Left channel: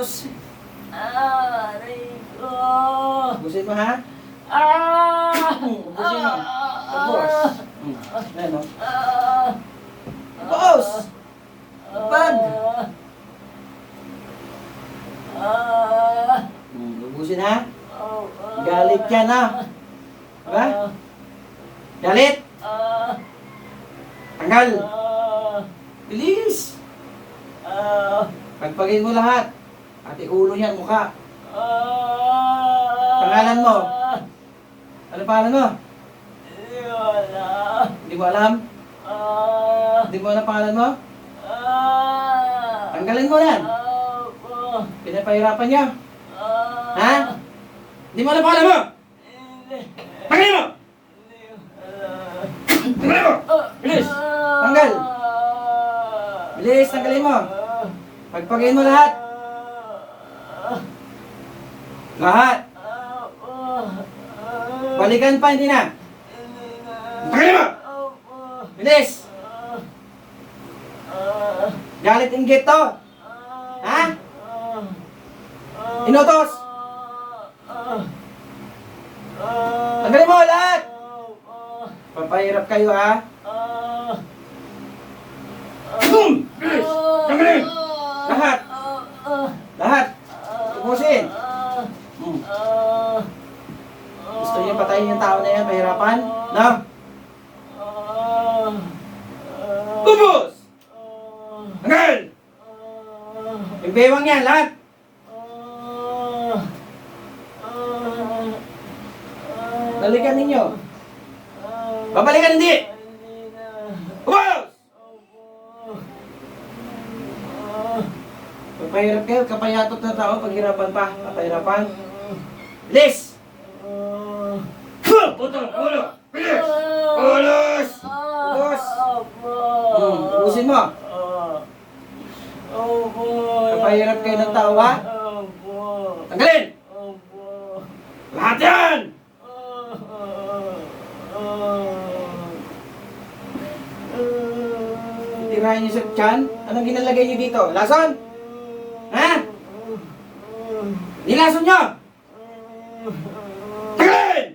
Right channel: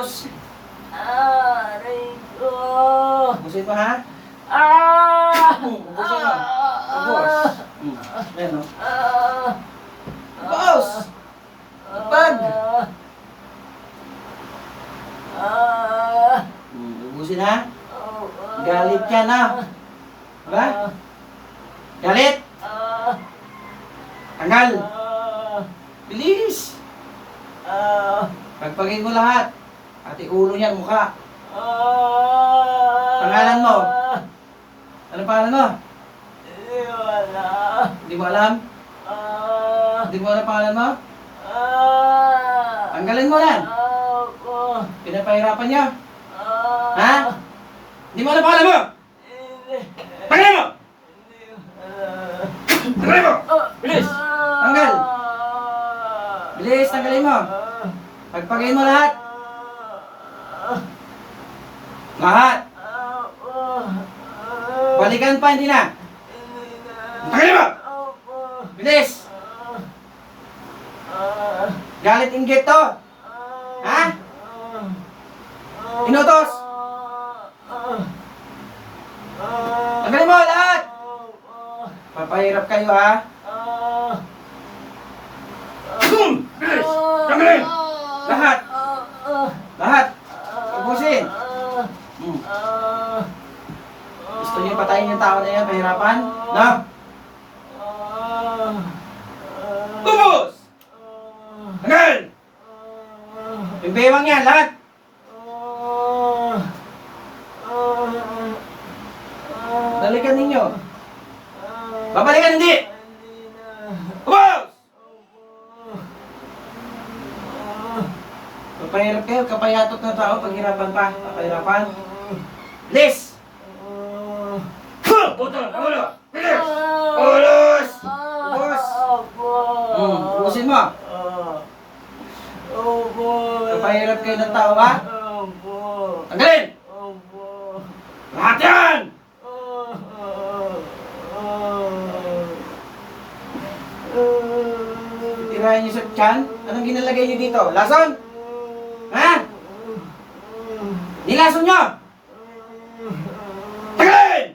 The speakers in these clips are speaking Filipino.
Ubus. Aray ko. Ubusin mo ha. Ubusin mo. Ubus. Ayan o. Ubus. Lapad. Ubusin ha. Galit yan ha. Diba? Galit. Tanggal. Bilis. Pagpagin mo lahat. Pati ulo niyan, mukha. Pangalan mo. Ano pangalan mo? Hindi mo alam? Hindi mo alam pangalan mo? Tanggalin mo yan. Pinapahirapan niyo. Ha? Hindi mo alam pangalan mo? Tanggalin mo! Tanggalin mo! Bilis! Tanggal! Bilis, tanggalin mo! Pagpagayin mo lahat! Lahat! Balikan pa, hindi na! Tanggalin mo! Bilis! Galit inggit to! Ha? Inutos! Tanggalin mo lahat! Papahirap kayo ha? Boom! Bilis! Tanggalin! Lahat! Lahat! Ubusin! Gusto niyo patayin yung tao na yan, pahirapan? No? Ubus! Tanggal! Yung bewang yan, lahat! Balikan ninyo! Babalikan hindi! Ubus! Papahirap kayo, kapayatot na tao, paghirapan pa, papahirapan. Lis! Putol! Ulo! Bilis! Ulos! Ubus! Ubusin mo! Papahirap kayo ng tao, ha? Tanggalin! Lahat yan! Tirahin niyo sa tiyan? Anong ginalagay niyo dito? Lason? Ha? Nilason niyo! Tagalin!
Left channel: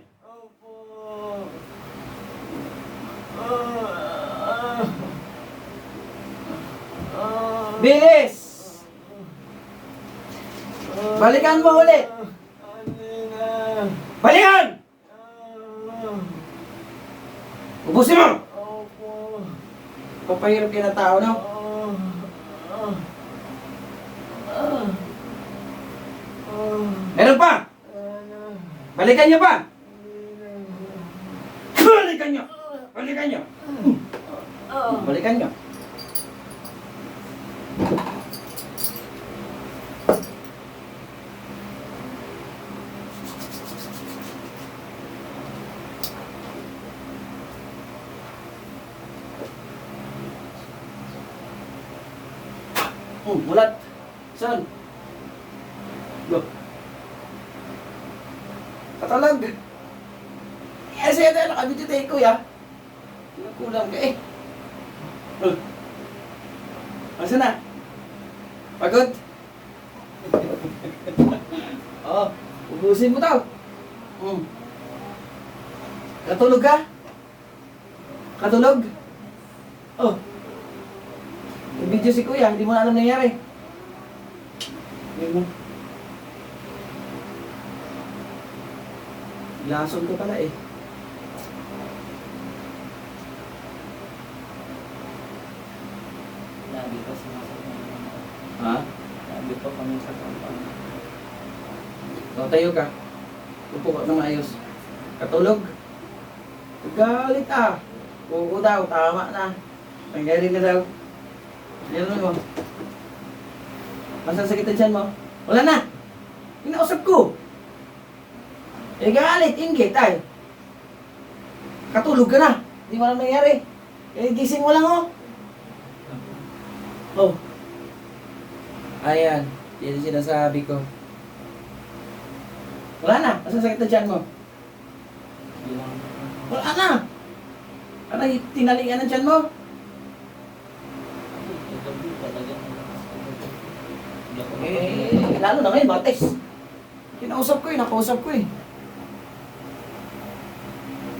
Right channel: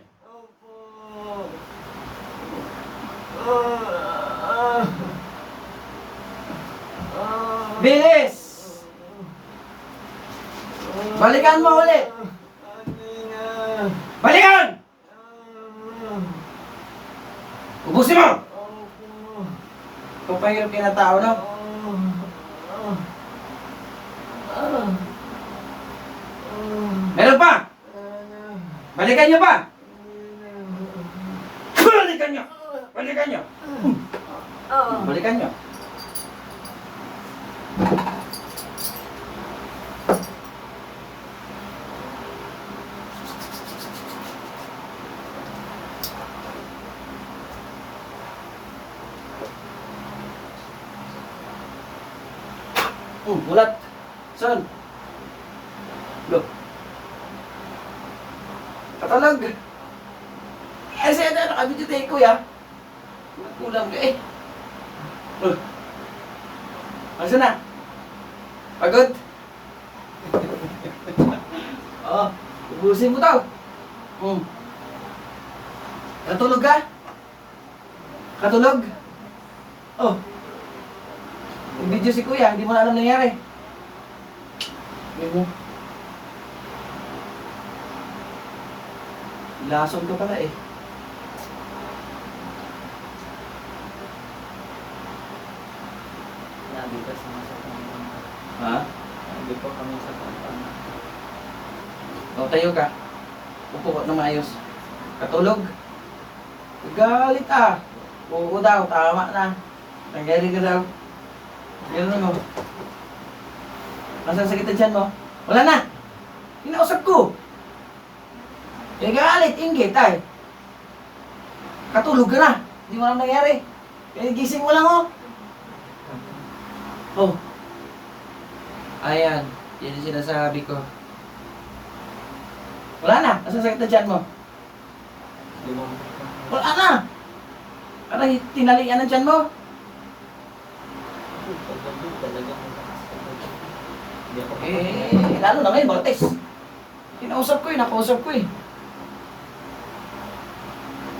Bilis! Balikan mo ulit! Balikan! Ubusin mo! Papahirap kayo ng tao, no? Meron pa! Balikan niyo pa! Balikan niyo! Balikan niyo! Balikan niyo! Bulat! Son! Go! Katalag! Eh, sa'yo tayo nakabidyo tayo, kuya. Kulang ka eh. Asa na? Pagod? Oo, ubusin mo tao. Katulog ka? Katulog? Oh. Yung video si kuya, hindi mo na alam nangyari. Lason ko pala eh. Labi ka sumasakit. Ha? Labi po kami sa kampanya. O, tayo ka. Upo ka na maayos. Katulog? Galit ah. Oo daw, tama na. Nangyari ka daw. Yan mo. Masang sakit ang tiyan mo? Wala na. Inausap ko. Eh, galit, inggit ay. Katulog ka na. Hindi mo alam nangyari. Eh, gising mo lang oh. Oh. Ayan. Yan yung sinasabi ko. Wala na. Masang sakit ang tiyan mo? Wala na. Parang tinalian ang tiyan mo. Talagang Eh, Lalo na ngayon, Martes. Kinausap ko eh, nakausap ko eh.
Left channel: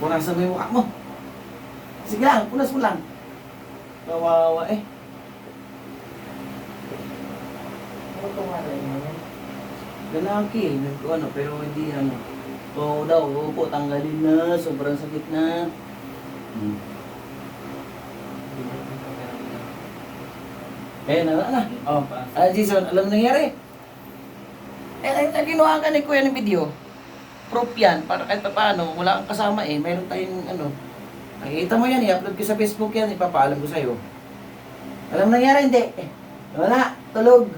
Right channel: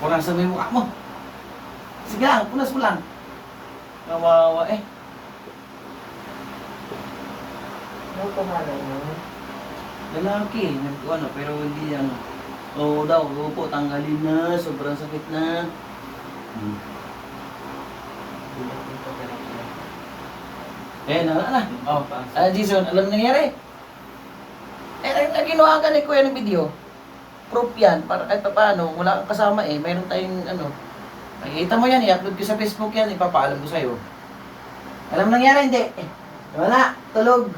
Punasan mo yung mukha mo. Sige lang, punas mo lang. Kawawa eh. Ano pangalan mo? Lalaki, nag-ano, pero hindi ano. Oo daw, opo, tanggalin na, sobrang sakit na. Eh, na. Oh, Jason, alam mo nangyari? Eh, ginawa ka ni Kuya ng video. Proof yan, para kahit pa paano, wala kang kasama eh, mayroon tayong ano. Nakikita mo yan, i-upload ko sa Facebook yan, ipapaalam ko sa'yo. Alam mo nangyari, hindi? Eh, wala, tulog.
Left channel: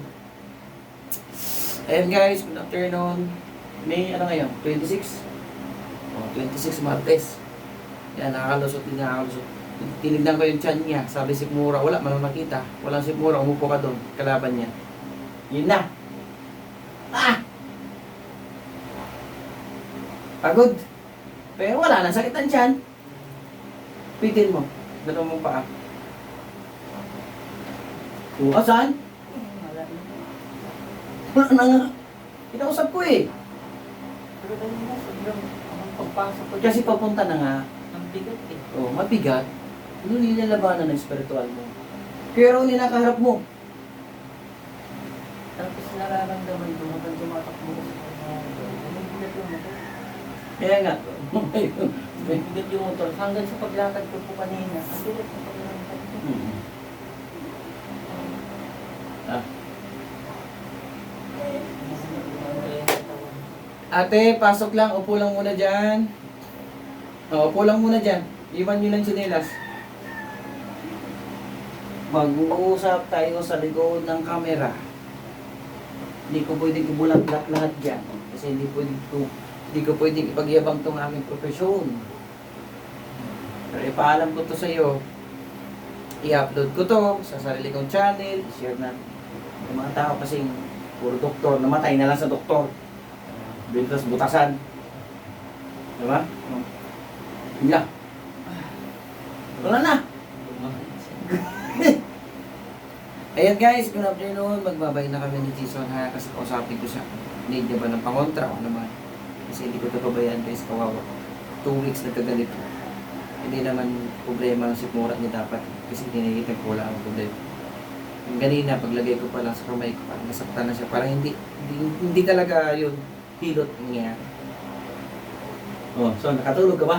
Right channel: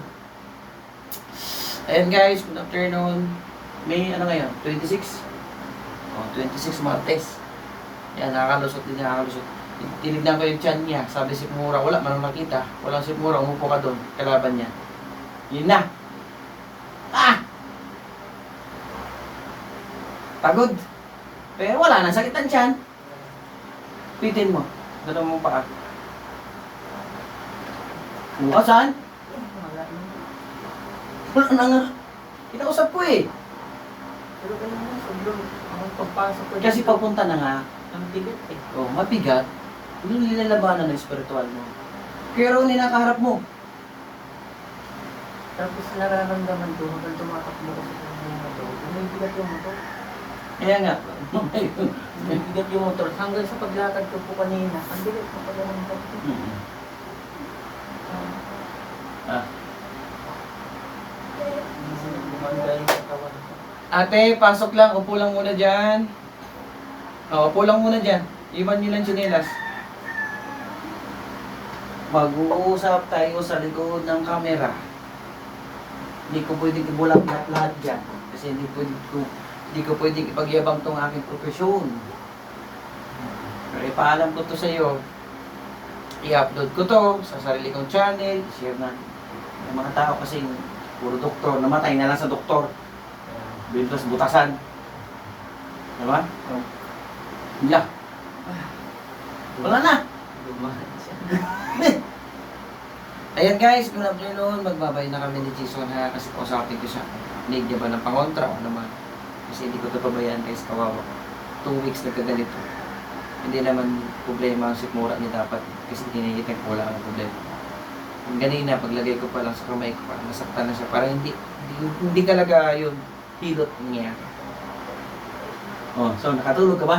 Ayan guys, good afternoon. May ano ngayon, 26? Oh, 26 Martes. Yan, nakakalusot din, nakakalusot. Tinignan ko yung tiyan niya, sabi si Mura, wala, man makita. Walang si Mura, umupo ka doon, kalaban niya. Yun na. Ah! Pagod. Pero wala na, sakit ang tiyan. Pitin mo. Dala mo pa. O, saan? Wala na. Wala na nga. Kinausap ko eh. Pero ganun na, sobrang ang pagpasok ko. Kasi papunta na nga. Ang bigat eh. Oh, mabigat. Hindi nilalabanan ng spiritual mo. Kaya raw nakaharap mo. Tapos nararamdaman ko habang tumatakbo ko sa kanya. May bigat yung motor. Kaya nga. May bigat yung motor. Hanggang sa paglakad ko po kanina, ang bigat ko pala ng motor. Ah. Gumanda yung katawan. Ate, pasok lang. Upo lang muna dyan. O, upo lang muna dyan. Iwan nyo lang tsinelas. Mag-uusap tayo sa likod ng camera. Hindi ko pwedeng ibulak lahat dyan. Kasi hindi ko pwedeng ipagyabang tong aking profesyon. Pero ipaalam ko to sa iyo. I-upload ko to sa sarili kong channel. Share na. Yung mga tao kasi puro doktor. Namatay na lang sa doktor. Bintos butasan. Diba? Bila. Wala na. Lumahan siya. Ayan guys, good afternoon. Magbabay na kami ni Jason ha. Kasi kausapin ko siya. Need niya ba ng pangontra o naman? Kasi hindi ko ito pabayaan guys, kawawa. 2 weeks nagkaganito. Hindi naman problema ang sikmura niya dapat. Kasi kinigitag ko lang ang problema. Ang ganina, paglagay ko pa lang sa kamay ko, parang nasaktan na siya. Parang hindi talaga yung hilot niya. Oh, so nakatulog ka ba?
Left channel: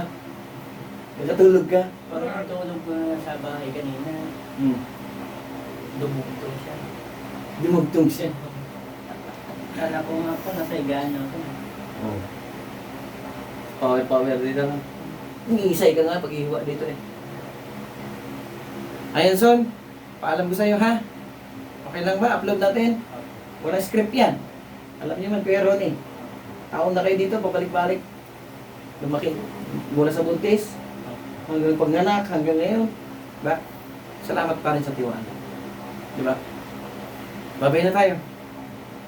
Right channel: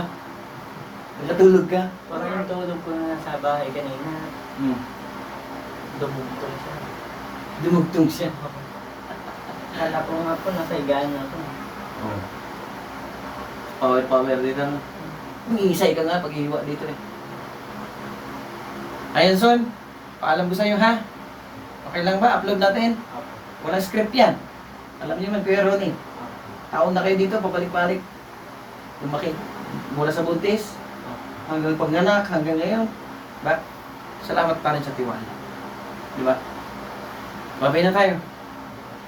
Nakatulog ka? Parang yung tulog ko na sa bahay kanina, dumugtong siya. Dumugtong siya. Kala ko nga po, nasa higaan ako. Oh. Power dito. Umiisay ka nga pag-ihiwa dito eh. Ayan son, paalam ko sa'yo ha. Okay lang ba? Upload natin. Walang script yan. Alam niyo man, Kuya Ronnie. Taon na kayo dito, pabalik-balik. Lumaki. Mula sa buntis, hanggang pagnanak, hanggang ngayon. Ba? Salamat pa rin sa tiwala. Di ba? Babay na tayo.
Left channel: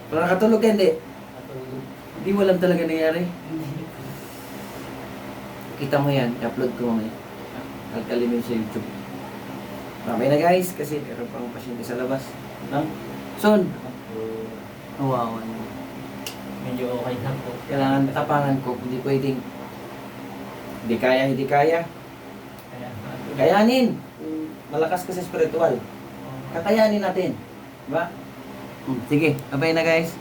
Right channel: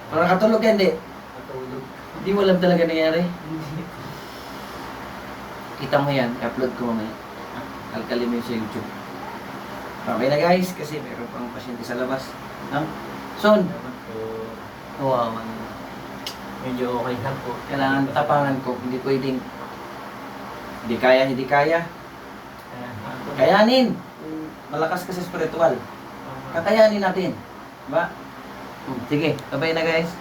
Parang nakatulog ka, hindi. Natulog. Hindi mo alam talaga nangyari. Hindi. Kita mo yan, upload ko mamaya. Alkali mo yun sa YouTube. Okay na guys, kasi meron pang pasyente sa labas. Son, Naman po, kawawa. medyo okay na po. Kailangan tapangan ko, hindi pwedeng hindi kaya. Kaya, Kayanin! Malakas ka sa spiritual. Kakayanin natin. Diba? Sige, babay na guys.